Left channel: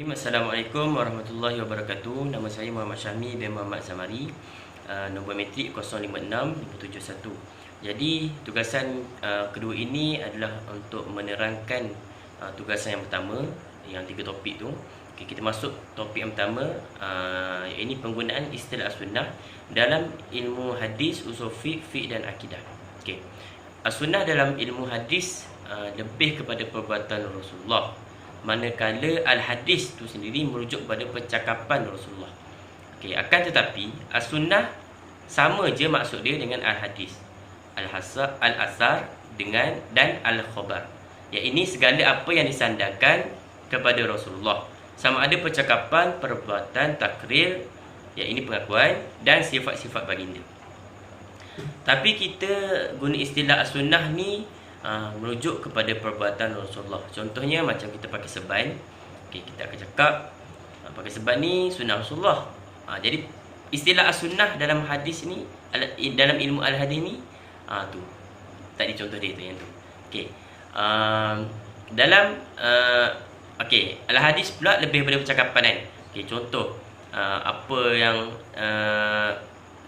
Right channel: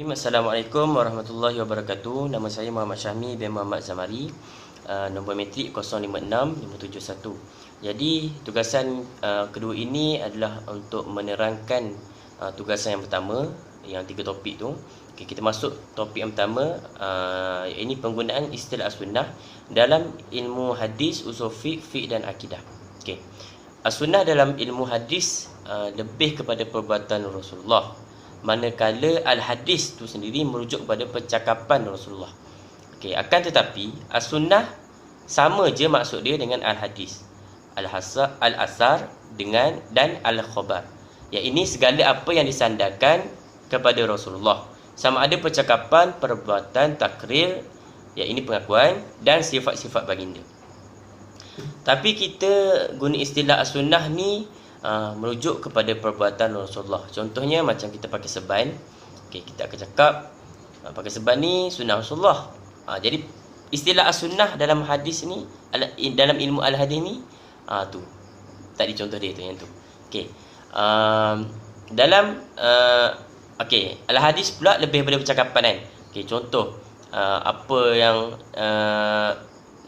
Assalamualaikum warahmatullahi wabarakatuh. Nama saya Muhammad Syahmi bin Muhammad Zamari. Nombor metrik 056571. Jadi tugasan kedua ini adalah untuk menerangkan tugasan yang pertama, yang 3 topik tu. Okay, kita masuk topik yang pertama, ini penggunaan istilah as-sunnah dalam ilmu hadis, usul fiqh dan akidah. Okay. As-sunnah dalam ilmu hadis lebih kepada perbuatan Rasulullah, manakala al-hadis itu sendiri merujuk kepada percakapan Rasulullah. Okey, akan tetapi as-sunnah sama je maksud dia dengan al-hadis. Al-asar dengan dan al-khabar. Ya, ini segala apa yang disandarkan kepada Rasulullah. Sama ada percakapan, perbuatan, takrir, ya ini pengakuan dan sifat-sifat baginda. Tapi kita guna istilah as-sunnah ni merujuk kepada perbuatan Rasulullah. Contohnya macam kita pakai serban. Okay, kita akan cakap pakai serban ni sunnah Rasulullah. Jadi istilah as-sunnah dalam hadis ni, dalam ilmu al-hadis ni, tu tadi contoh dia tu yang tu. Okey. Dalam okey, al-hadis pula lebih pada percakapan kan. Okey, contoh apa yang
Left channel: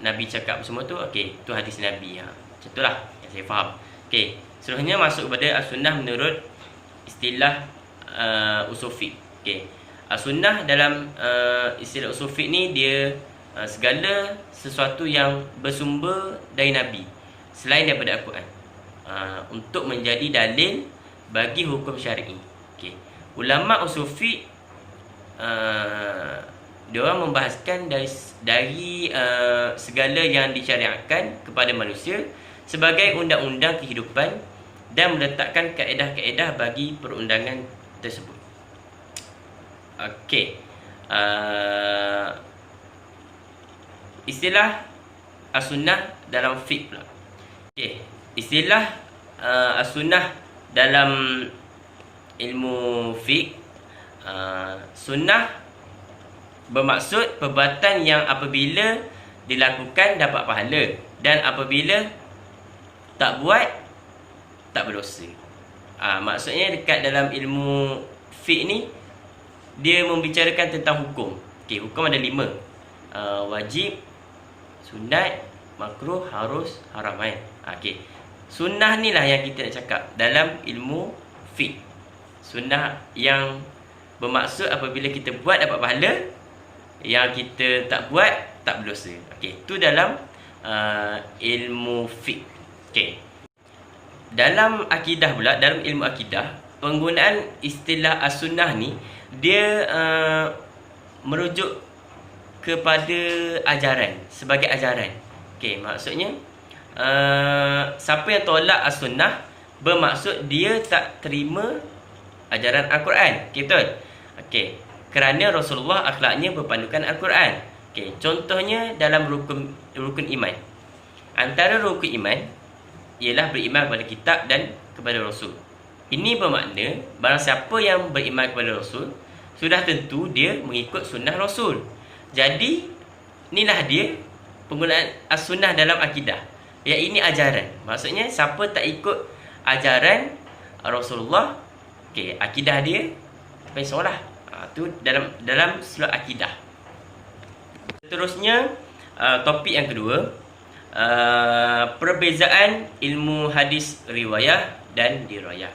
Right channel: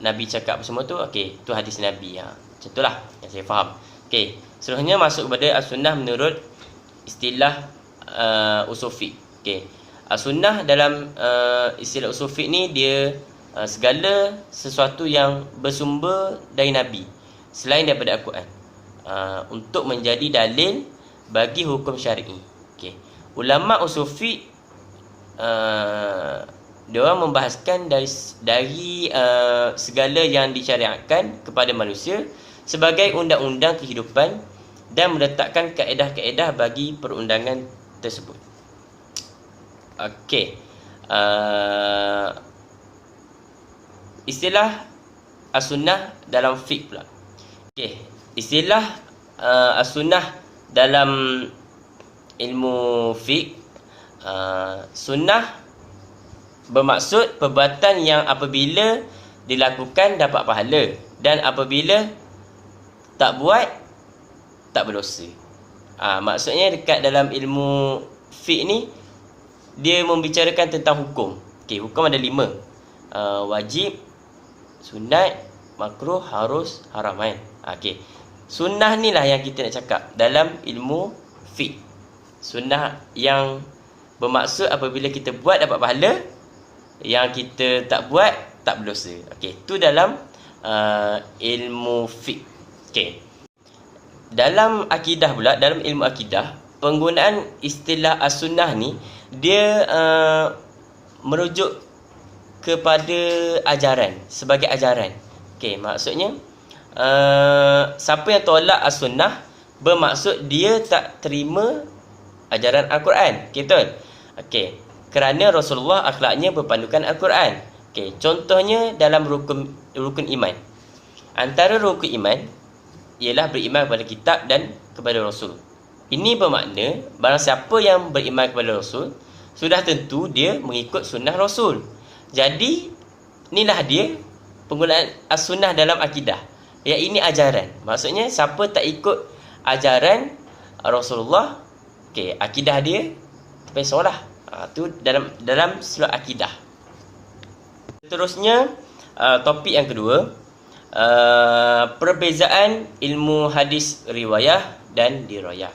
Nabi cakap semua tu, okey, tu hadis Nabi. Macam itulah yang saya faham. Okey, seterusnya masuk kepada as-sunnah menurut istilah usul fiqh. Okey. As-sunnah dalam istilah usul fiqh ni dia segala sesuatu yang bersumber dari Nabi selain daripada Al-Quran untuk menjadi dalil bagi hukum syar'i. Okey. Ulama usul fiqh dia orang membahaskan dari segala yang disyariatkan kepada manusia sebagai undang-undang kehidupan dan meletakkan kaedah-kaedah bagi perundangan tersebut. Okey. Istilah as-sunnah dalam fiqh pula. Okey, istilah as-sunnah dalam ilmu fiqh, sunnah bermaksud perbuatan yang apabila dilakukan dapat pahala dan apabila tak buat tak berdosa. Maksudnya dekat dalam ilmu fiqh ni dia membicarakan tentang hukum. Okey, hukum ada 5. Wajib, sunat, makruh, harus, haram kan. Okey. Sunnah ni lah yang kita nak cakap dalam ilmu fiqh. Sunnah yang bermaksud apabila kita buat dapat pahala, yang kita tak buat tak berdosa. Okey, tu dalam ilmu fiqh. Okey. Dalam akidah pula, dalam ilmu akidah, penggunaan istilah as-sunnah ni dia merujuk kepada ajaran, sebagai ajaran. Okey, maksudnya siapa yang tolak as-sunnah bermaksud dia tak terima ajaran Al-Quran. Betul? Okey, kerana Rasulullah akhlaknya berpandukan Al-Quran. Okey, contohnya dalam rukun iman. Antara rukun iman ialah beriman kepada kitab dan kepada Rasul. Ini bermakna barang siapa yang beriman kepada Rasul, sudah tentu dia mengikut sunnah Rasul. Jadi inilah dia penggunaan as-sunnah dalam akidah. Ya, ini ajaran. Maksudnya siapa tak ikut ajaran Rasulullah, okey, akidah dia terpesolah. Tu dalam sudut akidah. Seterusnya topik yang kedua, perbezaan ilmu hadis riwayah dan dirayah.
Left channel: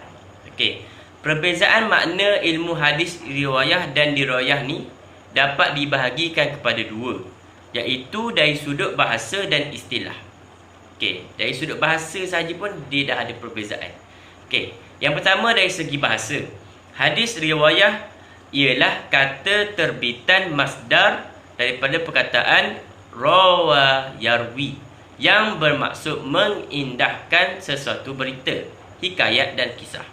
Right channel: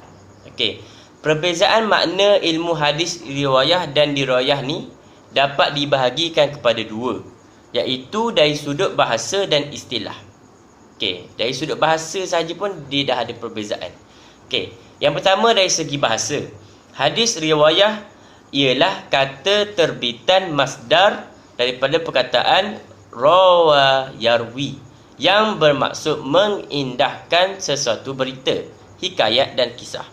Okey, perbezaan makna ilmu hadis riwayah dan dirayah ni dapat dibahagikan kepada 2, iaitu dari sudut bahasa dan istilah. Okey, dari sudut bahasa sahaja pun dia dah ada perbezaan. Okey, yang pertama dari segi bahasa. Hadis riwayah ialah kata terbitan masdar daripada perkataan rawa yarwi yang bermaksud mengindahkan sesuatu berita, hikayat dan kisah.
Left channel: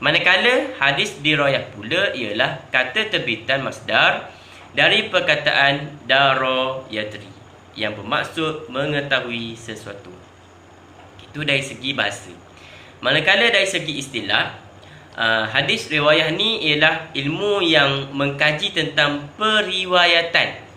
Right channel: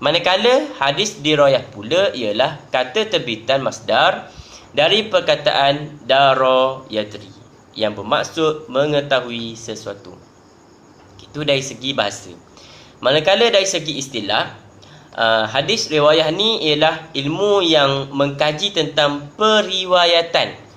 Manakala hadis dirayah pula ialah kata terbitan masdar dari perkataan dara yadri yang bermaksud mengetahui sesuatu. Itu dari segi bahasa. Manakala dari segi istilah, hadis riwayah ni ialah ilmu yang mengkaji tentang periwayatan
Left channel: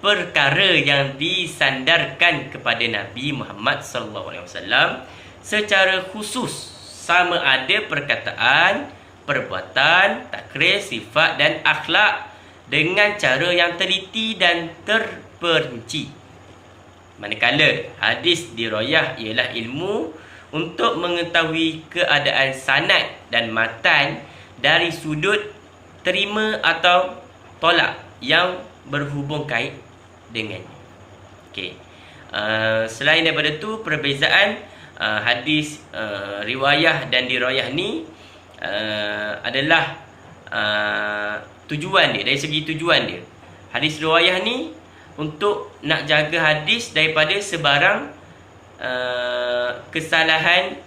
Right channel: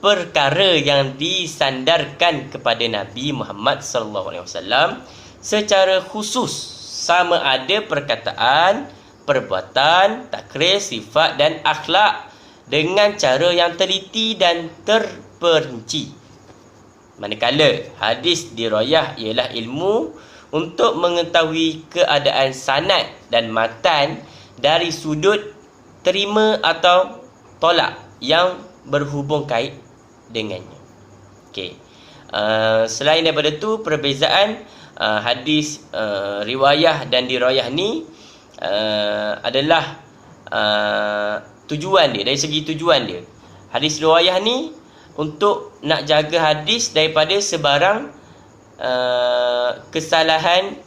perkara yang disandarkan kepada Nabi Muhammad sallallahu alaihi wasallam secara khusus, sama ada perkataan, perbuatan, takrir, sifat dan akhlak dengan cara yang teliti dan terperinci. Manakala hadis dirayah ialah ilmu untuk mengetahui keadaan sanad dan matan dari sudut terima atau tolak yang berhubung kait dengannya. Okey. Selain daripada tu, perbezaan hadis riwayah dan dirayah ni adalah tujuan dia, dari segi tujuan dia. Hadis riwayah ni untuk nak jaga hadis daripada sebarang kesalahan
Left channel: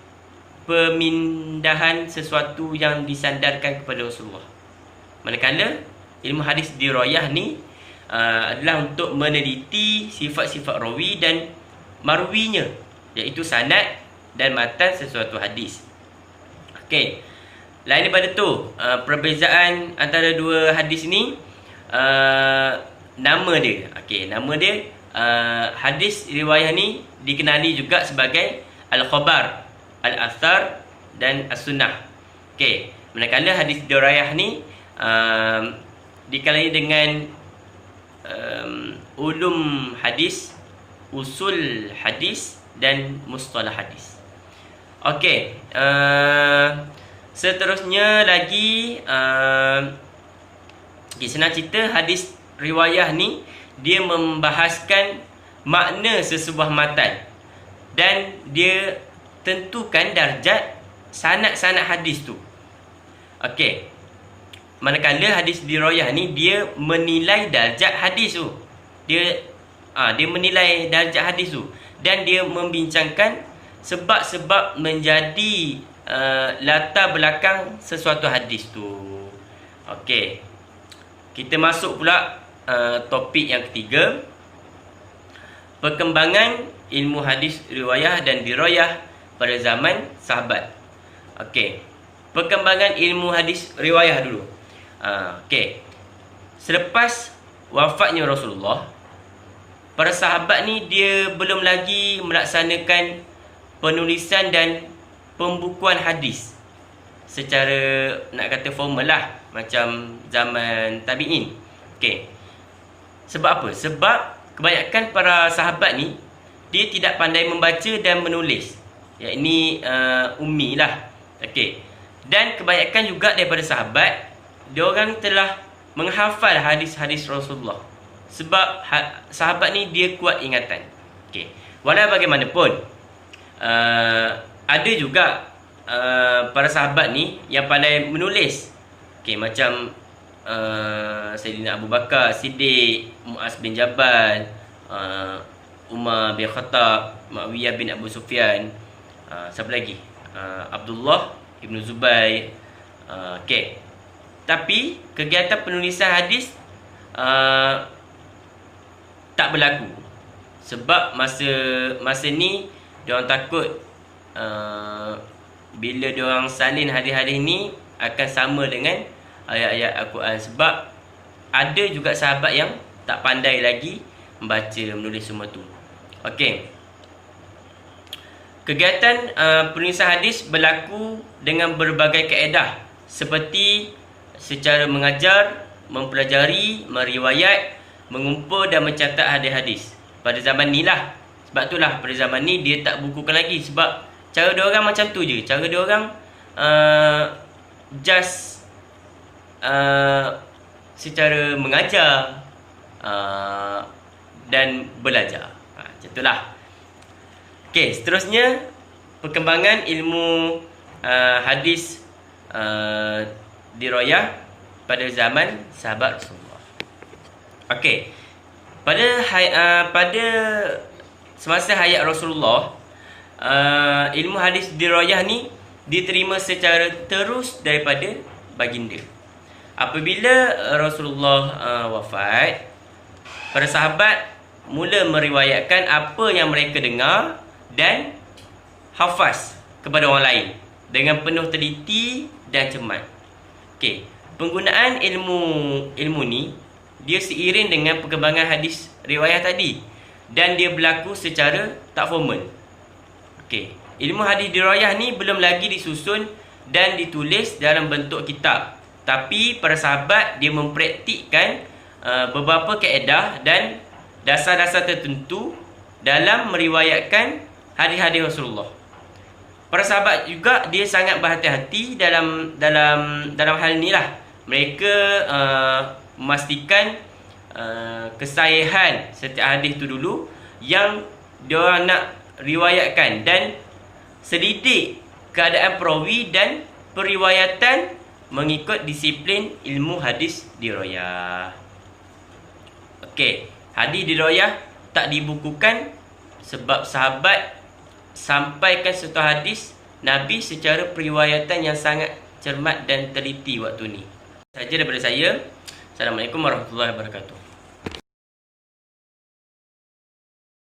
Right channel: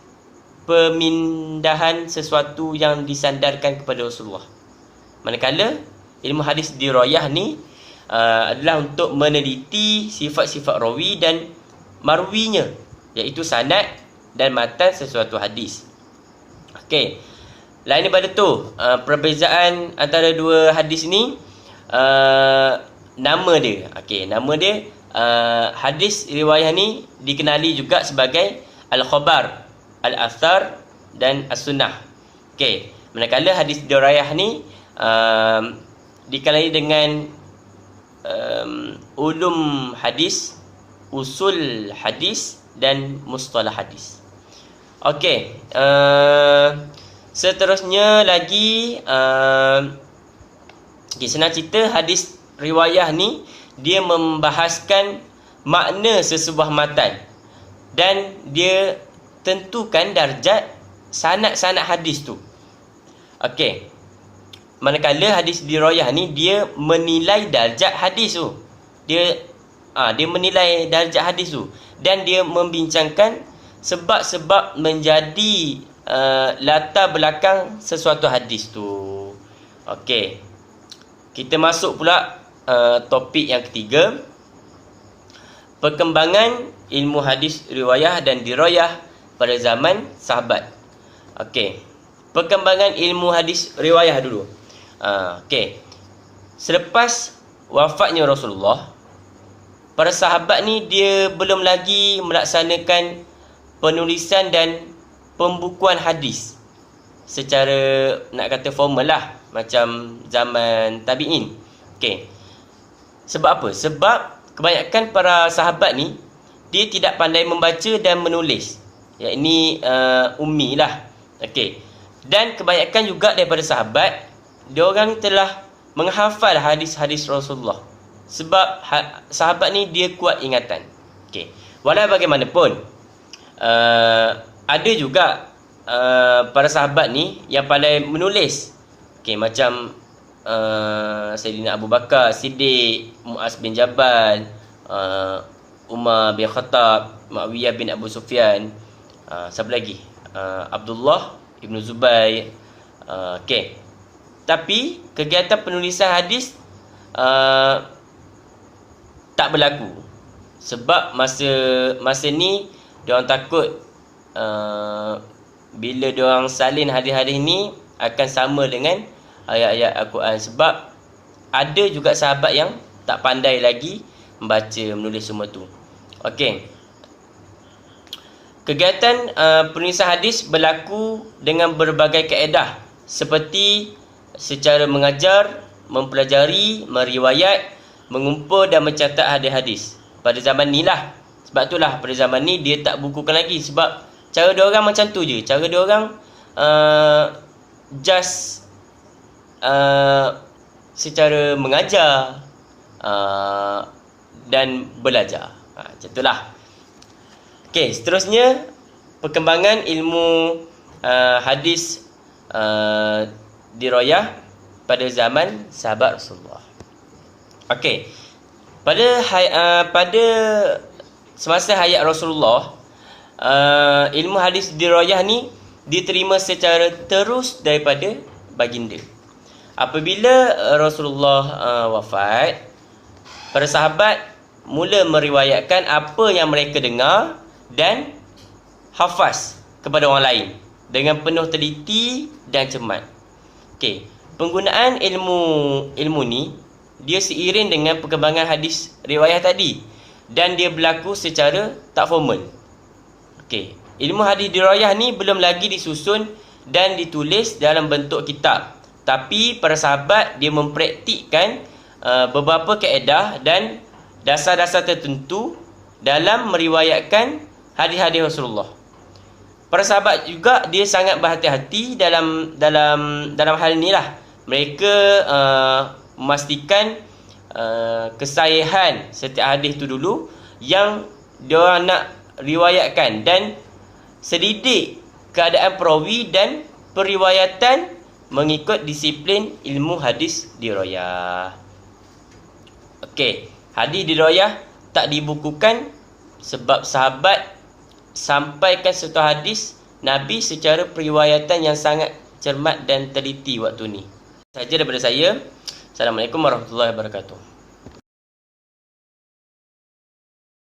pemindahan sesuatu yang disandarkan kepada Rasulullah. Manakala ilmu hadis dirayah ni adalah untuk meneliti sifat-sifat rawi dan marwinya, iaitu sanad dan matan sesuatu hadis. Okey. Lain daripada tu, perbezaan antara dua hadis ni, nama dia. Okey, nama dia hadis riwayah ni dikenali juga sebagai al-khabar, al-athar dan as-sunnah. Okey, manakala hadis dirayah ni dikenali dengan ulum hadis, usul hadis dan mustalah hadis. Okey, seterusnya lagi, senang cerita, hadis riwayah ni dia membahaskan makna sesebuah matan dan dia tentukan darjat sanad-sanad hadis tu. Okey. Manakala hadis dirayah ni dia menilai darjat hadis tu. Dia menilai darjat hadis tu dan dia membincangkan sebab-sebab menjadi latar belakang sesuatu hadis tu. Okey. Kita masuk pula topik yang ketiga, perkembangan ilmu hadis riwayah dan dirayah pada zaman sahabat. Okey. Perkembangan ilmu hadis riwayah dulu. Okey. Selepas wafatnya Rasulullah, para sahabat ni dia belum lagi melaksanakan penulisan dan pembukuan hadis secara nak kata formal lah, macam zaman tabi'in. Okey. Sebab apa? Sebab kebanyakan para sahabat ni dia tidak pandai membaca dan menulis. Ya, ini ummi lah. Okey. Dan kebanyakan juga daripada sahabat, diorang ni telah menghafal hadis-hadis Rasulullah. Sebab sahabat ni dia kuat ingatan. Okey. Walau bagaimanapun, ada juga para sahabat ni yang pandai menulis. Okey, macam Sayyidina Abu Bakar Siddiq, Muaz bin Jabal, Umar bin Khattab, Muawiyah bin Abu Sufyan, siapa lagi? Abdullah Ibn Zubair. Okey. Tapi kegiatan penulisan hadis tak berlaku. Sebab masa ni diorang takut bila diorang salin hadis-hadis ni akan sama dengan ayat-ayat Al-Quran. Sebab ada juga sahabat yang tak pandai lagi membaca, menulis semua tu. Okey. Kegiatan penulisan hadis berlaku dengan berbagai kaedah, seperti secara mengajar, mempelajari, meriwayat, mengumpul dan mencatat hadis-hadis. Pada zaman ni lah. Sebab itulah pada zaman ni dia tak bukukan lagi. Sebab cara diorang macam tu je. Cara diorang just secara mengajar dan belajar. Macam itulah. Okey, seterusnya perkembangan ilmu hadis dirayah pada zaman sahabat Rasulullah. Okey. Pada semasa hayat Rasulullah, ilmu hadis dirayah ni diterima secara terus daripada baginda. Apabila Rasulullah wafat, para sahabat mula meriwayatkan apa yang mereka dengar dan hafaz kepada orang lain dengan penuh teliti dan cermat. Okey, penggunaan ilmu ni dia seiring dengan perkembangan hadis riwayah tadi dan dia berlaku secara tak formal. Okey, ilmu hadis riwayah ni belum lagi disusun dan ditulis dalam bentuk kitab. Tapi para sahabat dia mempraktikkan beberapa kaedah dan dasar-dasar tertentu dalam meriwayatkan hadis-hadis Rasulullah. Para sahabat juga dia sangat berhati-hati dalam hal inilah. Mereka memastikan kesahihan setiap hadis itu dulu yang diorang nak riwayatkan, dan selidik keadaan perawi dan periwayatan mengikut disiplin ilmu hadis dirayah. Okey, hadis dirayah tak dibukukan sebab sahabat sampaikan satu hadis Nabi secara periwayatan yang sangat cermat dan teliti waktu ni. Saja daripada saya. Assalamualaikum warahmatullahi wabarakatuh.